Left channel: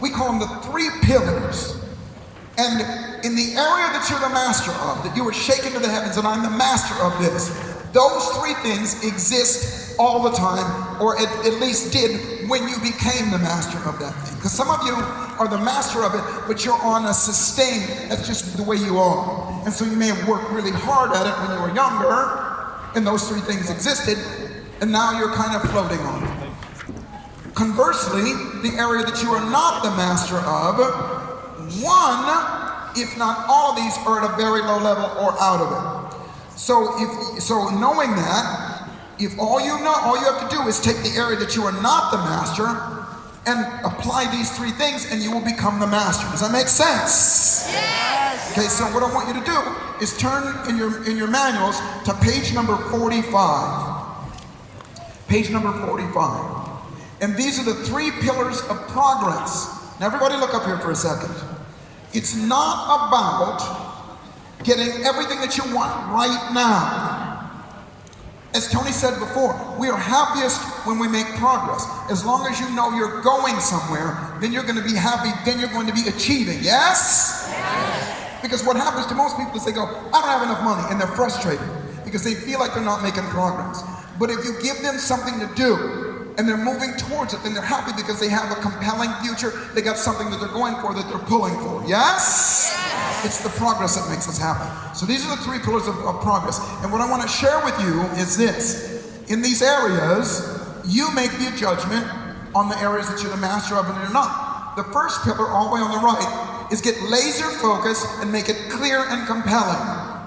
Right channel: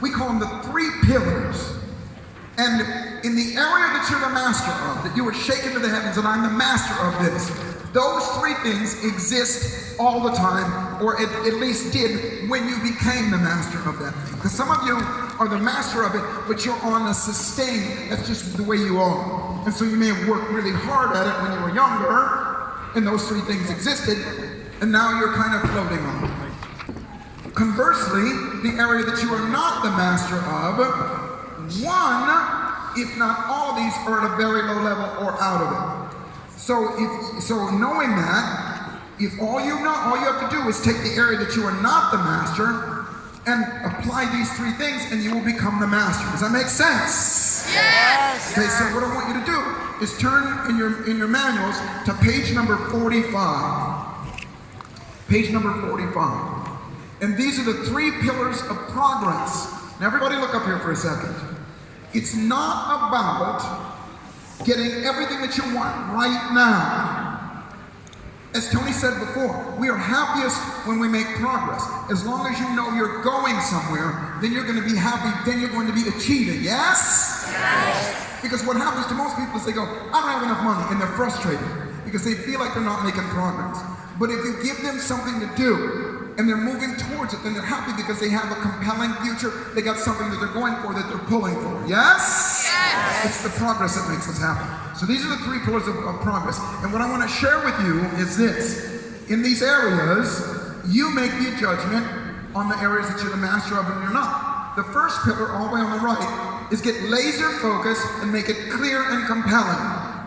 We call them the three pillars. And in the area that you're the master of, that you were shaken to the heavens, and I'm the master of this, those three things exist all the time, or at least did when you became the master of that thing. Because some of you are the master of it, but you're on a sustain. That's just the way you are. And so you may have worked really hard at it when you were younger, and those three things existed, and now you're kind of floating on it. Conversely, the area that you are not the master of, one, if not all of these, are at a very low level or out of it. So knowing that, if all you have to do is take the area that you are not the master and apply these three things, and you will become the master. Does that make sense? Yes. Okay, so what I want you to do is turn in your manuals to page number 45. Page number 45. And these are the three pillars of progress. Now everybody look up here for a second. It's not about getting everything that you want right now. As Tony said before, we are happiest when we make progress. As long as you know you're going somewhere, then you're going to be happy, then you're going to be achieving. Yes? Yes. Because what happens to most people is they go, I don't have enough money, and they're frustrated because they feel like they're not making progress. But if you give them something to do, and they're moving towards it, then they're happy because they have a compelling future. They got something that they're going for, that they're pulling for. Yes? Yes. It's the progress that makes us happy. So these are the three pillars of progress. And what I want to share with you is this. In these areas, you make the judgment on the areas that you're the master of and you're not. The first pillar, all the way on the right, is get laser focused and make it clear and compelling.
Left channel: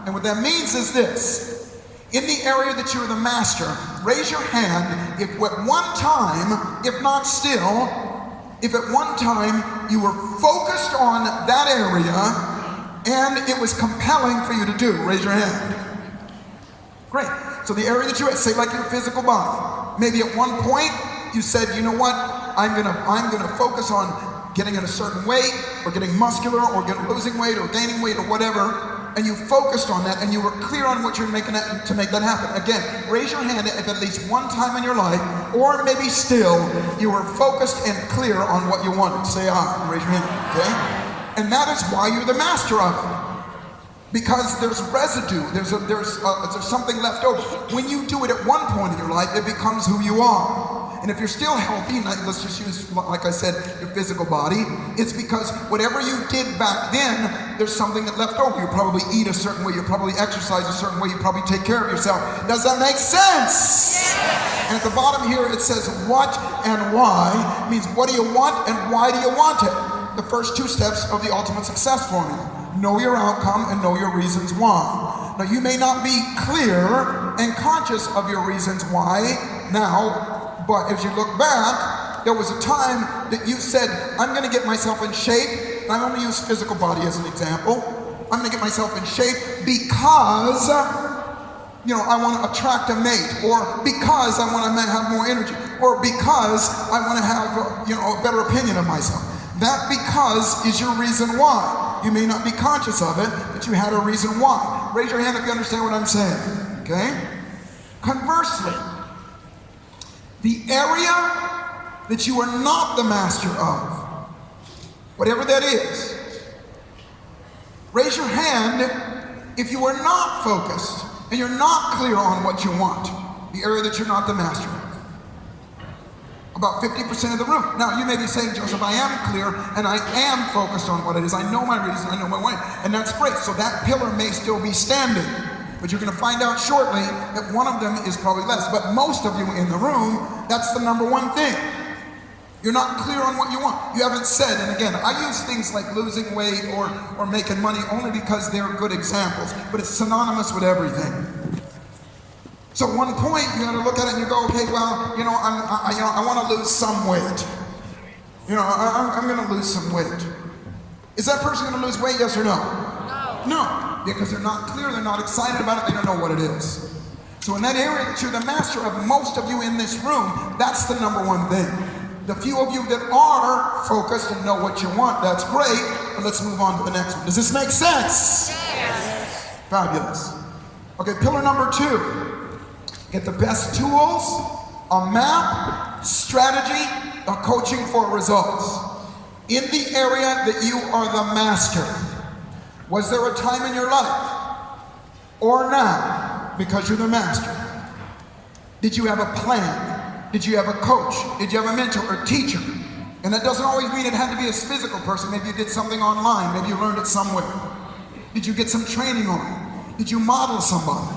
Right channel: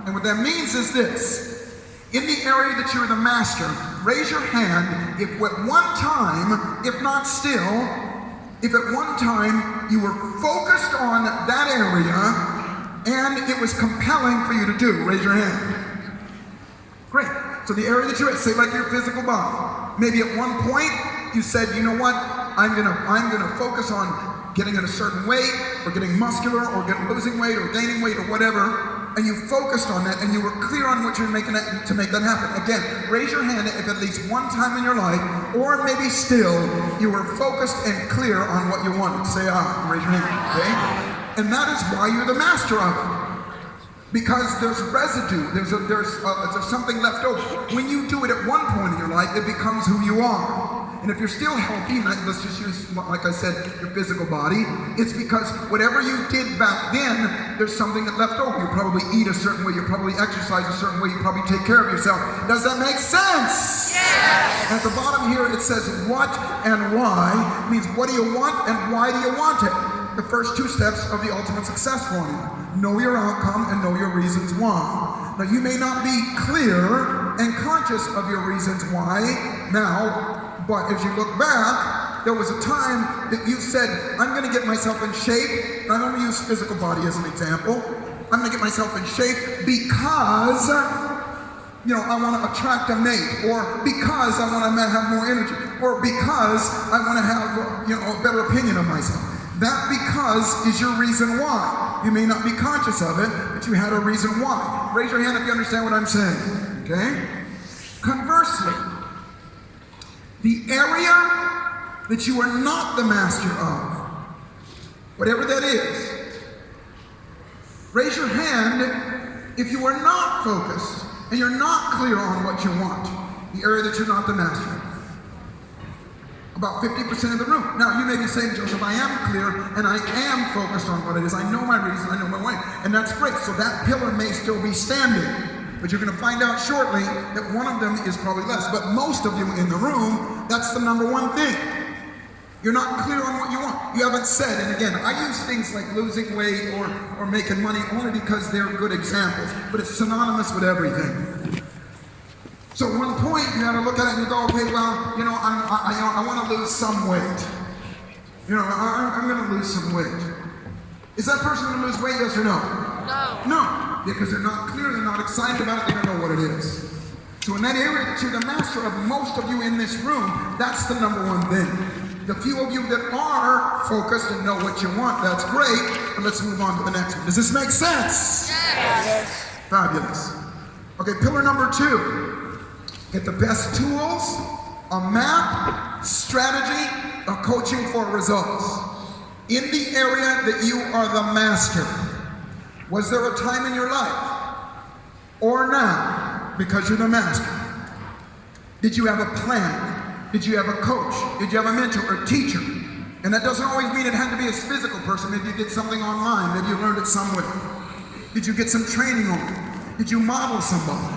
And what that means is this. In the area that you're the master, raise your hand if at one time, if not still, if at one time you were focused on that area and it was compelling for you to do. Raise your hand. Great. So the area that you're at, say like your physical body. Maybe at one point you said, you know what, I'm gonna focus on getting in a certain weight, or getting muscular, or losing weight, or gaining weight, or whatever. And you focused on that, and you were clear on what you were making to make that happen. Again, raise your hand if at least one time in your life, or maybe still, you were focused and clear on what you wanted. Say aye. Raise your hand. Okay? And that is why you're the master of it. Because there's residue. There's something left over. When you do it at one point in your life, it becomes who you are. And if you're still healthy, let's just use, like I said, your physical body, it's because whatever you did back then, there's something that left over. You probably eat a certain way, you probably exercise a certain way, you probably take care of yourself. Does that make sense? Yes. And at the bottom here, it says what and why. It means what do you want and why do you want it? The first two steps of the ultimate success formula. Know your outcome and know your reasons why. Now, you may not be clear and conscious of your reasons why now, but if you look back, there was a time that you said, I'm going to get myself in shape. And I'm going to use physical body as an example. I'm going to get myself in shape because, I want to attract a mate, or because I want to have more energy, or because I want to have, a better opinion of myself. That because is your reason why. You may not be conscious of it, but you had a reason why. Raise your hand if you understand what I'm saying, okay? Conversely, the area that you are not the master of, whatever that is, raise your hand if you are not focused and you're not clear on what you want, the area that you're not the master of. About 50% of the room. Now, you may be saying, Joseph, I am clear and I am focused on what it is. I know my reason, I know my way, and that's great. So that pillar may still be standing. But you're going to find out shortly that one of them is probably less. But most of you in the room, that's the number one thing. You're not clear on what you want. You haven't said, and again, I use things like losing weight or making money only because they're good examples. But it's synonymous with everything. So at one point, you got to look at it and you go, okay, well, I want to lose some weight. I'm going to lose some weight. Is that person going to lose weight, yes or no? No. No. Because they're not clear, they're not excited about it, they don't know what it is. So in that area that you're the master of, most of you in this room, that's the number one thing. The few of you that are focused and know what you want, that's great, but let's move on to the next one. Does this make sense? Yes. Fabulous. Okay, pillar number 2. Get the best tools, a map, strategy, or coaching for results. In the area that you are the master, was there a time in your life, or now, because you're the master, did you have a plan? Did you have a coach? Did you have a mentor or teacher? And that doesn't always mean it had to be a physical person. Maybe you did something online. Maybe you learned it somewhere. Did you get some training on it? Did you model somebody?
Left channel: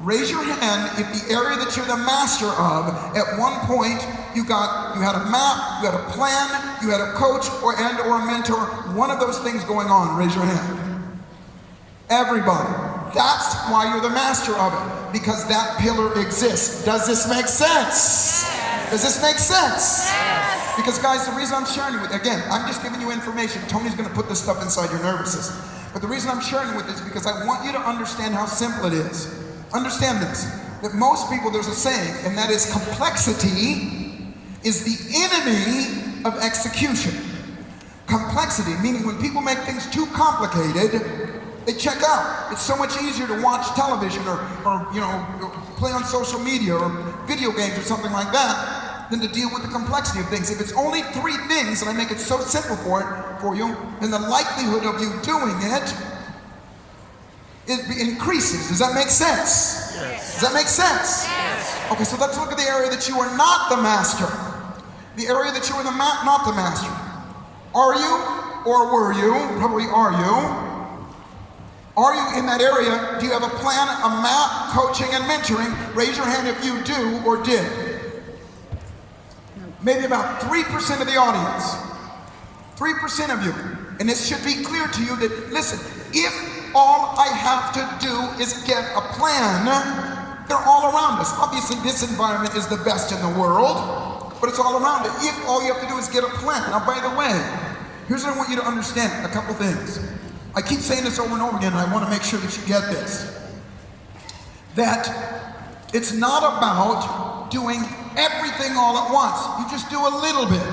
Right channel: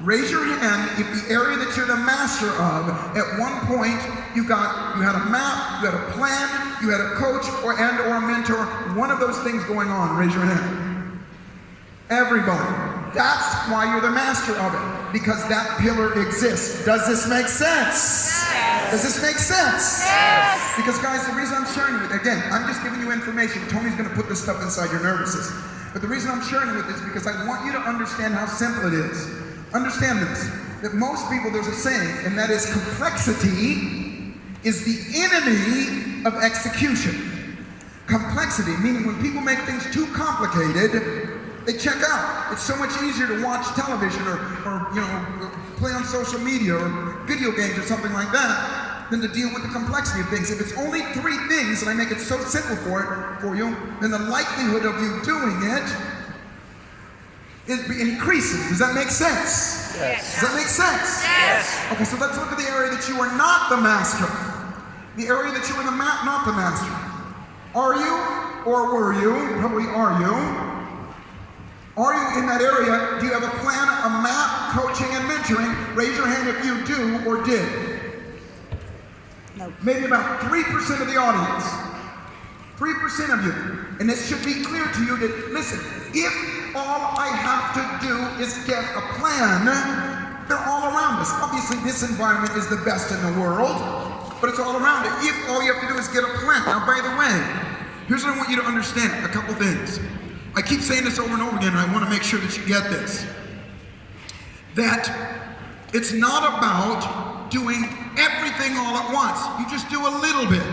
Raise your hand if the area that you're the master of, at one point you had a map, you had a plan, you had a coach or a mentor, one of those things going on. Raise your hand. Everybody. That's why you're the master of it, because that pillar exists. Does this make sense? Yes. Does this make sense? Yes. Because guys, the reason I'm sharing with, again, I'm just giving you information. Tony's going to put this stuff inside your nervous system. But the reason I'm sharing with this is because I want you to understand how simple it is. Understand this, that most people, there's a saying, and that is complexity is the enemy of execution. Complexity, meaning when people make things too complicated, they check out. It's so much easier to watch television or play on social media or video games or something like that than to deal with the complexity of things. If it's only 3 things and I make it so simple for you, then the likelihood of you doing it increases. Does that make sense? Yes. Does that make sense? Yes. Okay, so let's look at the area that you are not the master. The area that you are not the master. Are you, or were you? Probably are you. Are you in that area? Do you have a plan, a map, coaching, and mentoring? Raise your hand if you do or did. No. Maybe about 3% of the audience. 3% of you. And this should be clear to you that, listen, if all I have to do is get a plan, they're all around us. Obviously, this environment is the best in the world, but it's all around it. If all you have to do is get a plan. Now, by the way, here's what I want you to understand, a couple things. I keep saying this over and over again, and I want to make sure that you get this. That it's not about doing everything all at once. You just do a little bit.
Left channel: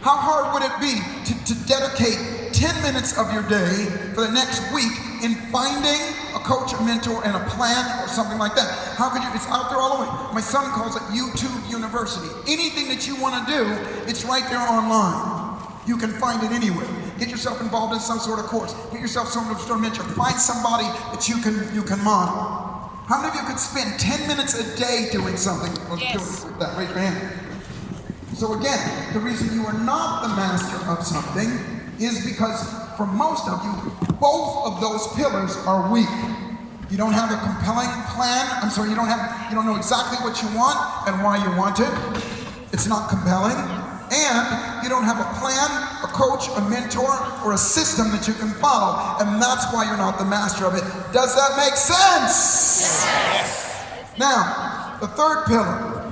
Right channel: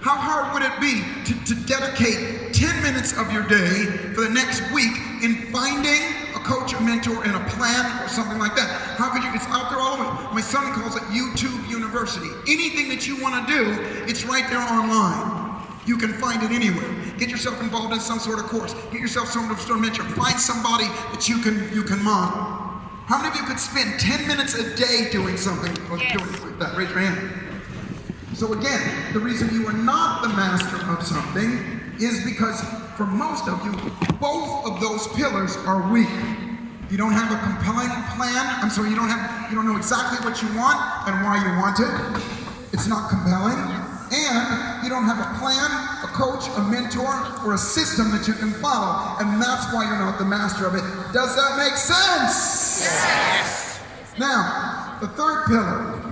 How hard would it be to dedicate 10 minutes of your day for the next week in finding a coach, a mentor, and a plan or something like that? How could you? It's out there all the way. My son calls it YouTube University. Anything that you want to do, it's right there online. You can find it anywhere. Get yourself involved in some sort of course. Get yourself some sort of mentor. Find somebody that you can model. How many of you could spend 10 minutes a day doing something like that? Raise your hand. So again, the reason you are not the master of something is because for most of you, both of those pillars are weak. You don't have a compelling plan. You don't know exactly what you want and why you want it. It's not compelling. And you don't have a plan, a coach, a mentor, or a system that you can follow. And that's why you're not the master of it. Does that make sense? Yes. Now, the third pillar.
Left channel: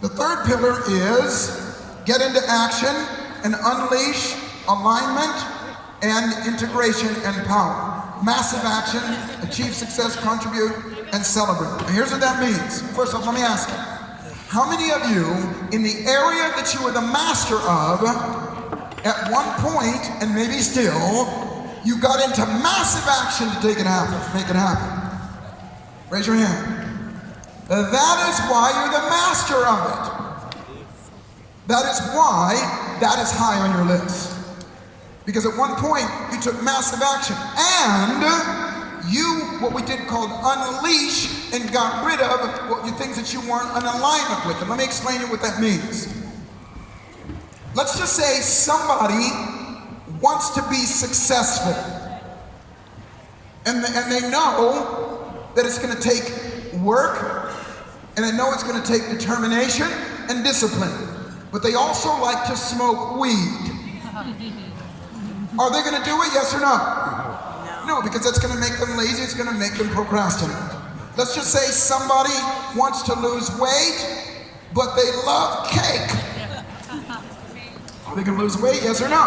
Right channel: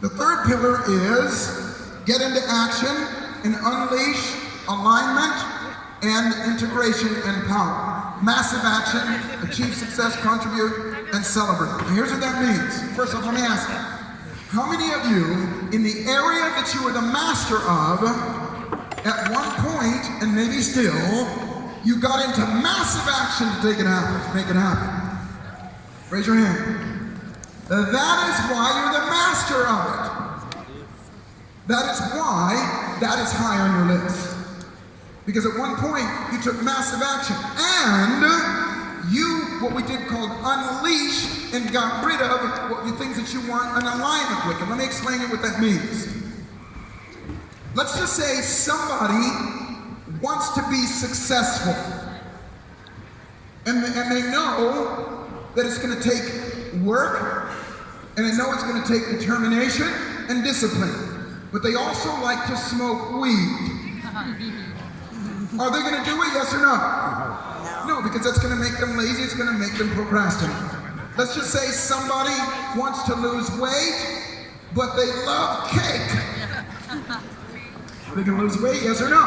The third pillar is get into action and unleash alignment and integration and power. Massive action, achieve success, contribute, and celebrate. And here's what that means. First off, let me ask you. How many of you, in the area that you are the master of, at one point, and maybe still, you got into massive action to make it happen? Raise your hand. That is why you're the master of it. That is why that is high on your list. Because at one point, you took massive action. And you, what we did called unleash, and got rid of things that you weren't in alignment with. And let me explain to you what that means. Let's just say somebody wants to be successful. And they know that it's going to take work, and they know it's going to take determination and discipline. But they also like to smoke weed. Are they going to do it, yes or no? No, because that's going to make them lazy, it's going to make them procrastinate. Let's just say somebody wants to lose weight, but they love cake. Are they going to lose weight, yes or no?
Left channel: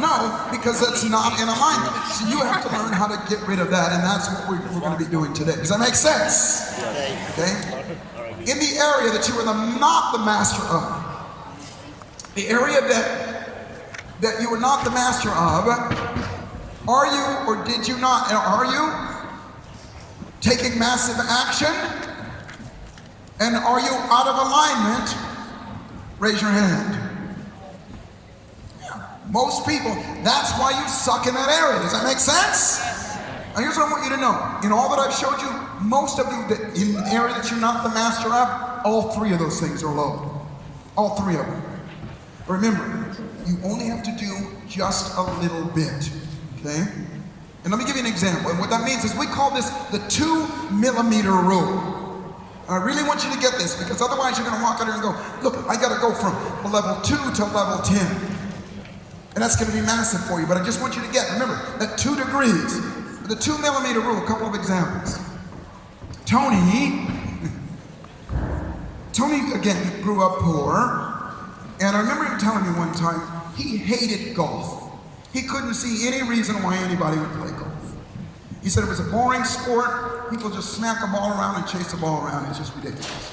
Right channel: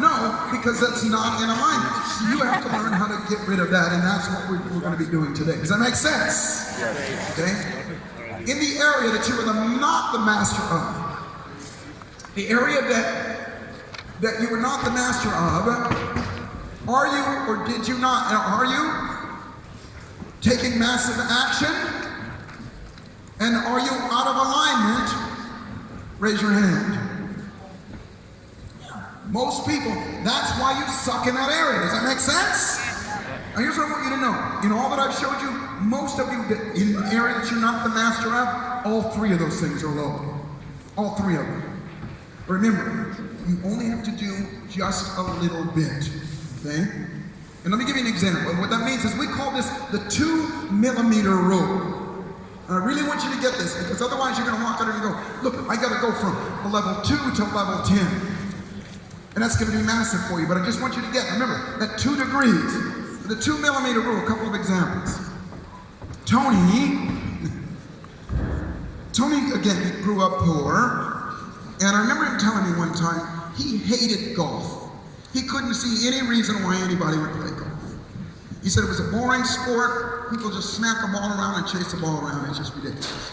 No, because that's not in alignment. So you have to learn how to get rid of that, and that's what we're going to be doing today. Does that make sense? Okay? In the area that you are not the master of, the area that you are not the master of, are you or did you not? Are you taking massive action? And are you out of alignment? Raise your hand. Most people, that's why you suck in that area. Does that make sense? Now here's what I want you to know. In all that I've showed you, most of you, in an area that you're not the master of, all three of those things are low. All three of them. Remember, you only have to do just a little bit, okay? And let me give you an example. And what that means is we call this the 2 millimeter rule. I really want you to get this, because otherwise you're going to walk out there and go, look, I got to go from a level 2 to level 10. And that's going to be massive for you, but I just want you to get, remember, at 2 degrees, the 2 millimeter rule, a couple of examples. Tony, again, grew up poor, and I remember him telling me one time, he hated golf. He couldn't see any reason why anybody would play golf. He said it was a boring sport, people just smack the ball around and chase the ball around, it's just ridiculous.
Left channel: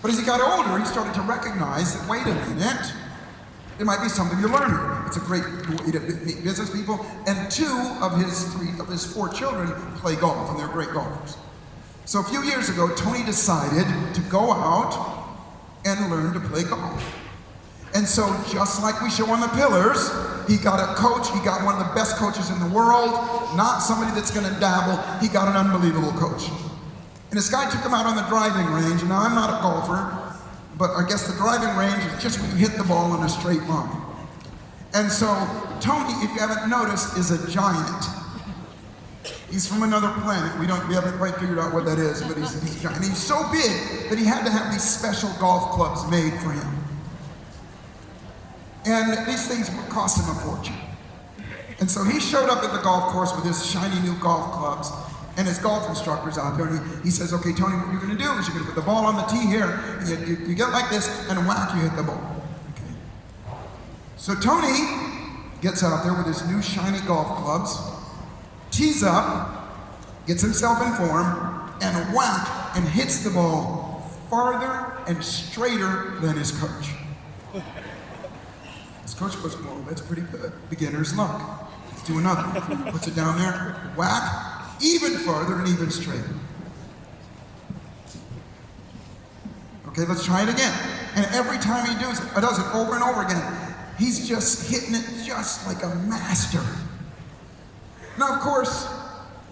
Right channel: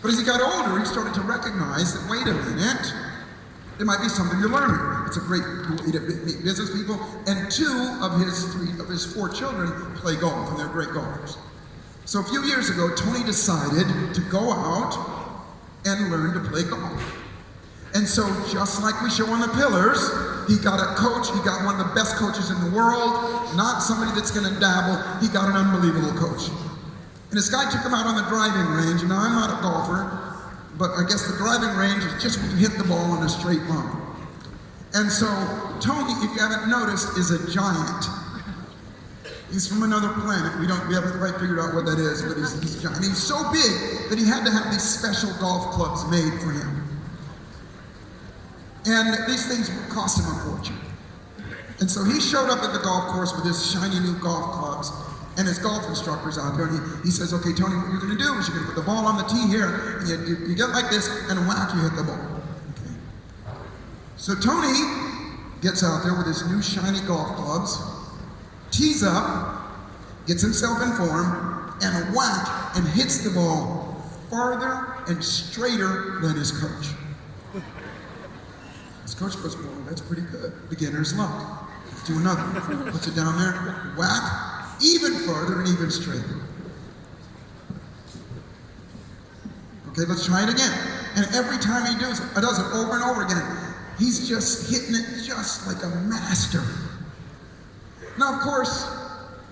But as he got older, he started to recognize that, wait a minute, there might be something to learn. It's a great way to meet business people. And 2 of his 4 children play golf, and they're great golfers. So a few years ago, Tony decided to go out and learn to play golf. And so just like we show on the pillars, he got a coach, he got one of the best coaches in the world, not somebody that's gonna dabble, he got an unbelievable coach. And this guy took him out on the driving range, and now I'm not a golfer, but I guess the driving range is just when you hit the ball in a straight line. And so Tony, if you haven't noticed, is a giant. He's from another planet. We haven't quite figured out what that is, but he's giant. And he's so big that he had to have these special golf clubs made for him. And these things cost him a fortune. And so he showed up at the golf course with his shiny new golf clubs, and his golf instructor's out there, and he says, okay, Tony, what you're gonna do is you're gonna put the ball on the tee here, and you get like this, and whack, you hit the ball. Okay. So Tony gets out there with his new shiny golf clubs, tees up, gets himself in form, and whack, and hits the ball farther and straighter than his coach. His coach goes, well, that's pretty good. Beginner's luck. Let's do another. Puts it down there, whack, even farther and even straighter. Okay, let's try it again. And every time he does it over and over again. He's just hitting it just like a master. Now, of course,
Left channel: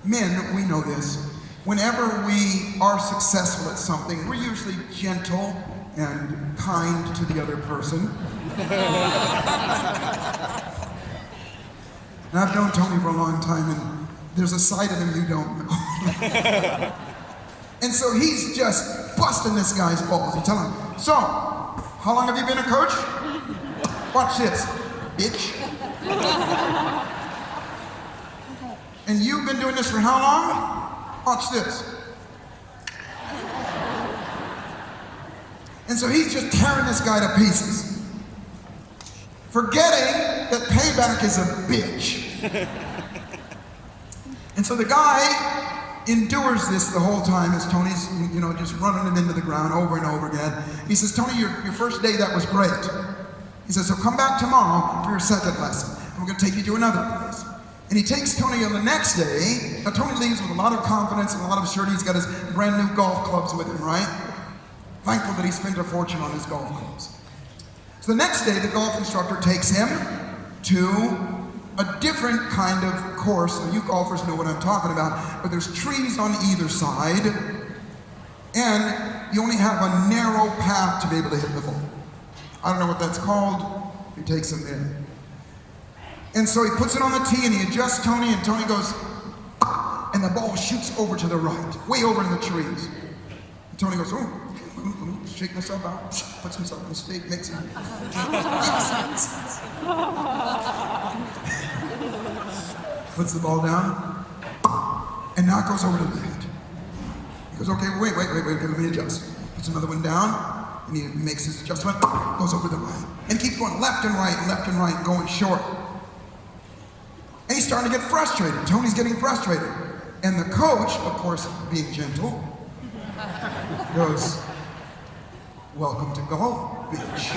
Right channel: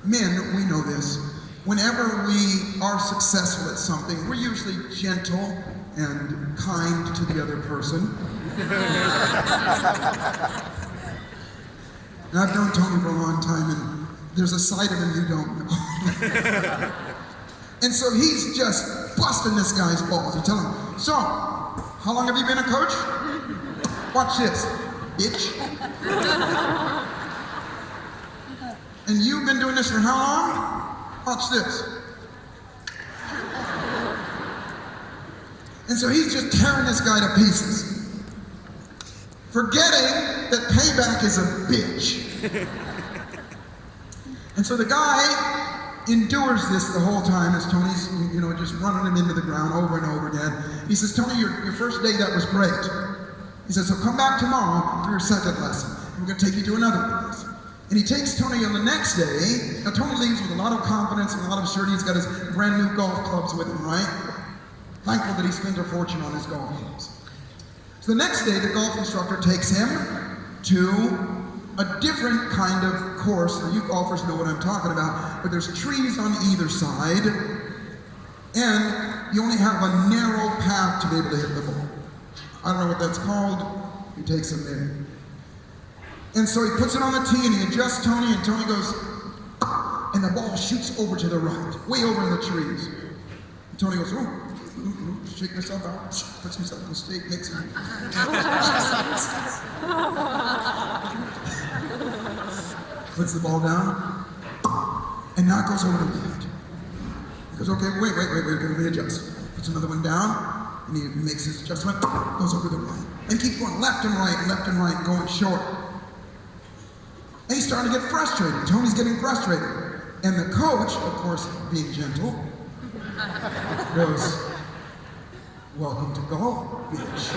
men, we know this. Whenever we are successful at something, we're usually gentle and kind to the other person. And I've known Tony for a long time, and there's a side of him you don't know. And so he's just busting this guy's balls. He's telling him, so, how long have you been a coach? Watch this, bitch. And you've been doing this for how long? Watch this. And so he's just tearing this guy to pieces, forgetting that payback is a bitch. And so the guy endures this the whole time as Tony's, just running him into the ground over and over again. He says, Tony, your first day, that was great. He says, so come back tomorrow for your second lesson. And we're going to take you to another place. And he takes Tony on the next day. Now, Tony leaves with a lot of confidence and a lot of surety. He's got his brand new golf clubs with him, right? Thankful that he spent a fortune on his golf clubs. So the next day, the golf instructor takes him to a different kind of course. Now, you golfers know what I'm talking about, but there's trees on either side, and you only have a narrow path to be able to hit the ball. I don't know what that's called. He takes him there. And so he puts it on the tee, and he adjusts Tony, and Tony goes, and the ball shoots over to the right, way over in the trees. And Tony goes, oh, shaking himself out, puts himself in a state, makes him. Puts the ball down, and now it goes over to the left. He goes, okay, wait, let me adjust. Puts another one down, and he makes his adjustment, goes over to the right. And keeps going left and right, going short. And he's starting to get frustrated. Tony's getting frustrated. And the coach, of course, being gentle, goes, welcome to golf, bitch.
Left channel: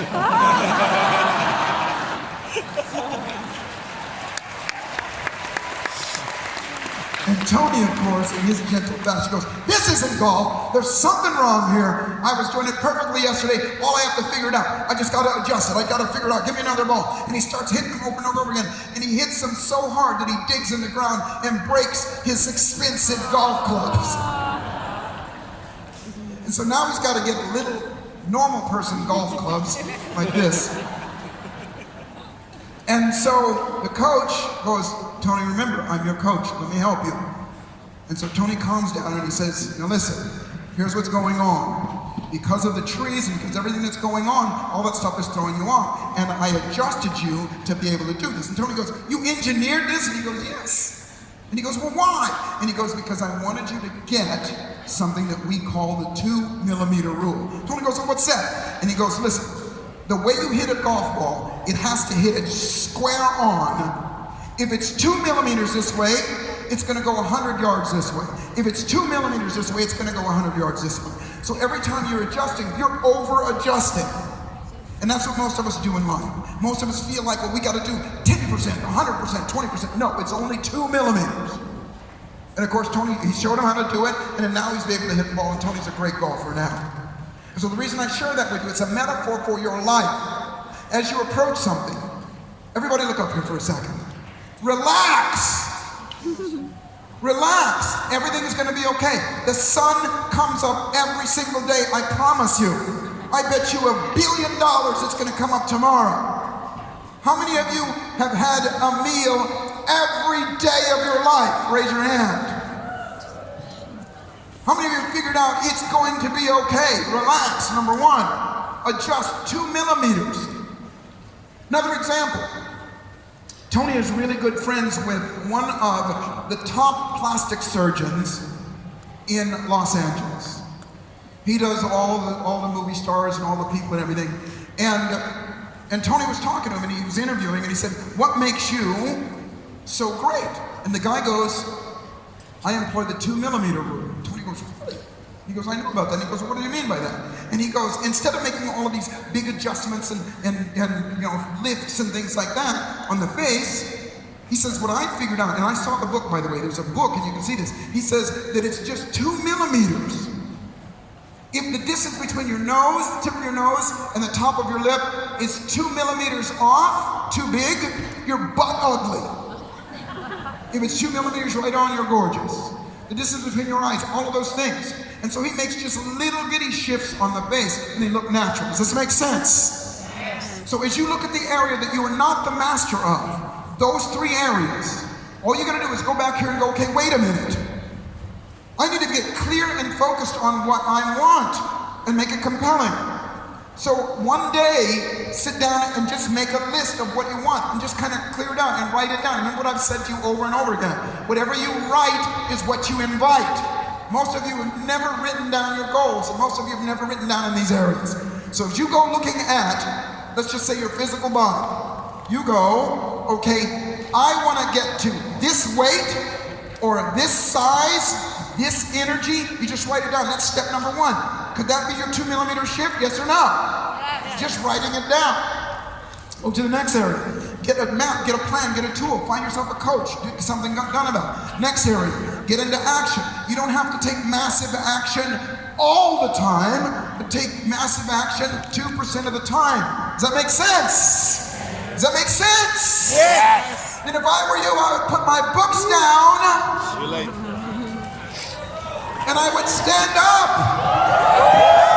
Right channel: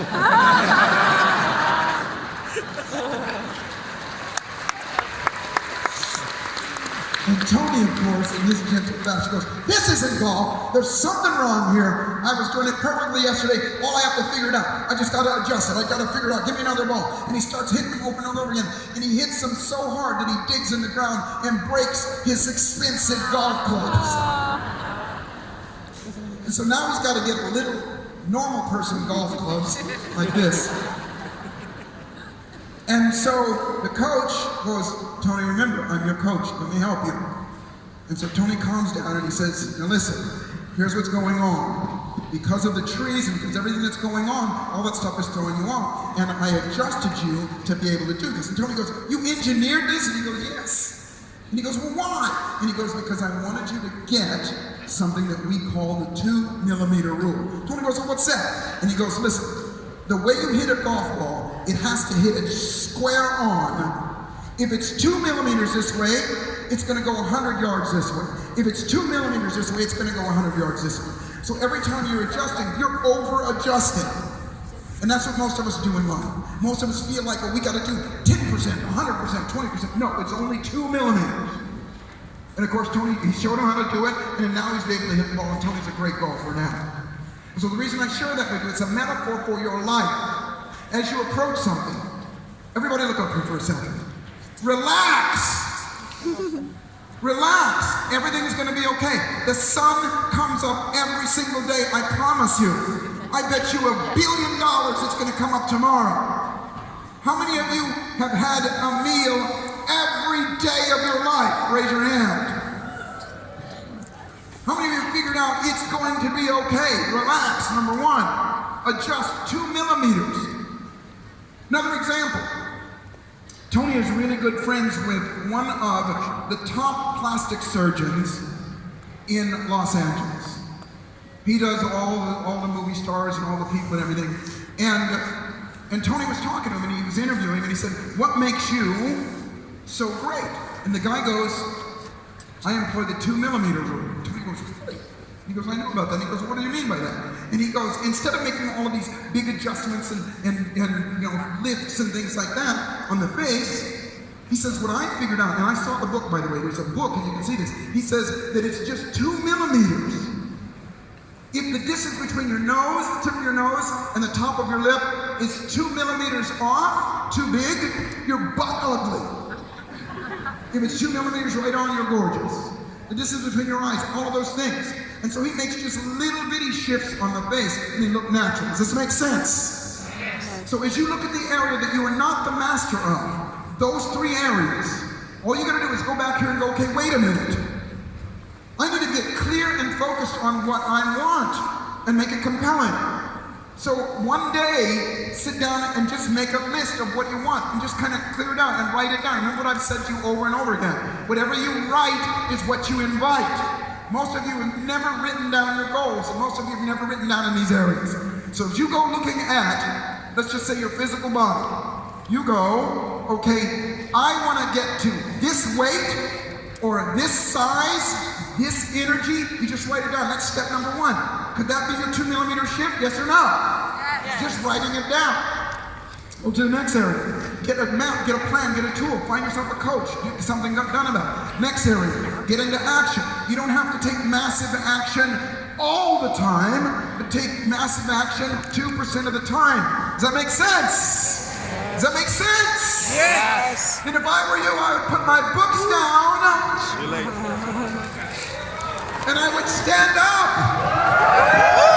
And And Tony, of course, in his gentle fashion goes, this isn't golf. There's something wrong here. I was doing it perfectly yesterday. All I have to figure it out. I just got to adjust it. I got to figure it out. Give me another ball. And he starts hitting them over and over again. And he hits them so hard that he digs in the ground and breaks his expensive golf clubs. And so now he's got to get little normal person golf clubs like this. And so the coach goes, Tony, remember, I'm your coach. Let me help you. And so Tony calms down and he says, now listen, here's what's going on. Because of the trees and because everything that's going on, all that stuff is throwing you off. And I adjusted you to be able to do this. And Tony goes, you engineered this? And he goes, yes. And he goes, well, why? And he goes, because I wanted you to get something that we call the 2-millimeter rule. Tony goes, well, what's that? And he goes, listen, the way you hit a golf ball, it has to hit it square on. If it's 2 millimeters this way, it's going to go 100 yards this way. If it's 2 millimeters this way, it's going to go 100 yards this way. So every time you're adjusting, you're over-adjusting. And that's what most of us do in life. Most of us feel like, well, we got to do 10%, 100%, 20%. No, it's only 2 millimeters. And of course, Tony, he showed him how to do it, and then now he's able to hit the ball, and Tony's a great golfer now. So the reason I share that with you, it's a metaphor for your life. As you approach something, everybody look up here for a second. Relax. Relax. Everything is going to be okay. The sun comes up every single day, I promise you. I bet you $1 billion it's going to come up tomorrow. How many of you have had a meal every day of your life? Raise your hand. How many of you figured out it's going to be okay? Relax, number one. Adjust 2 millimeters. Another example. Tony is really good friends with one of the top plastic surgeons in Los Angeles. He does all the movie stars and all the people and everything. And Tony was talking to him and he was interviewing and he said, what makes you so great? And the guy goes, I employ the 2-millimeter rule. Tony goes, really? He goes, I know about that. And he goes, well, what do you mean by that? And he goes, instead of making all of these big adjustments and you know, lifts and things like that on the face, he says, what I figured out, and I saw the book, by the way, there's a book and you can see this. He says that it's just 2 millimeters. If the distance between your nose, the tip of your nose, and the top of your lip is 2 millimeters off, too big, you're butt ugly. If it's 2 millimeters right on, you're gorgeous. The distance between your eyes, all of those things. And so he makes just little bitty shifts on the face and they look natural. Does this make sense? Yes. So as you look at the area that you are not the master of, those 3 areas, all you gotta do is go back here and go, okay, wait a minute. I need to get clear and focused on what I want and make it compelling. So one day, sit down and just make a list of what you want and just kind of clear it out and write it down. Remember what I've said to you over and over again. Whatever you write is what you invite. Most of you have never written down your goals. Most of you have never written down in these areas. So if you go looking at, let's just say your physical body, you go, okay, I want to get to this weight or this size, this energy. You just write it down. That's step number 1. Could that be your 2-millimeter shift? Yes or no? Yes. Just writing it down. Go to the next area. Get a map, get a plan, get a tool. Find yourself a coach. Get something done about it. Next area. Get into action. You don't have to take massive action all the time, but take massive action 2% of the time. Does that make sense? Does that make sense? Yes. And if I were you, I would put my books down and I would stand up.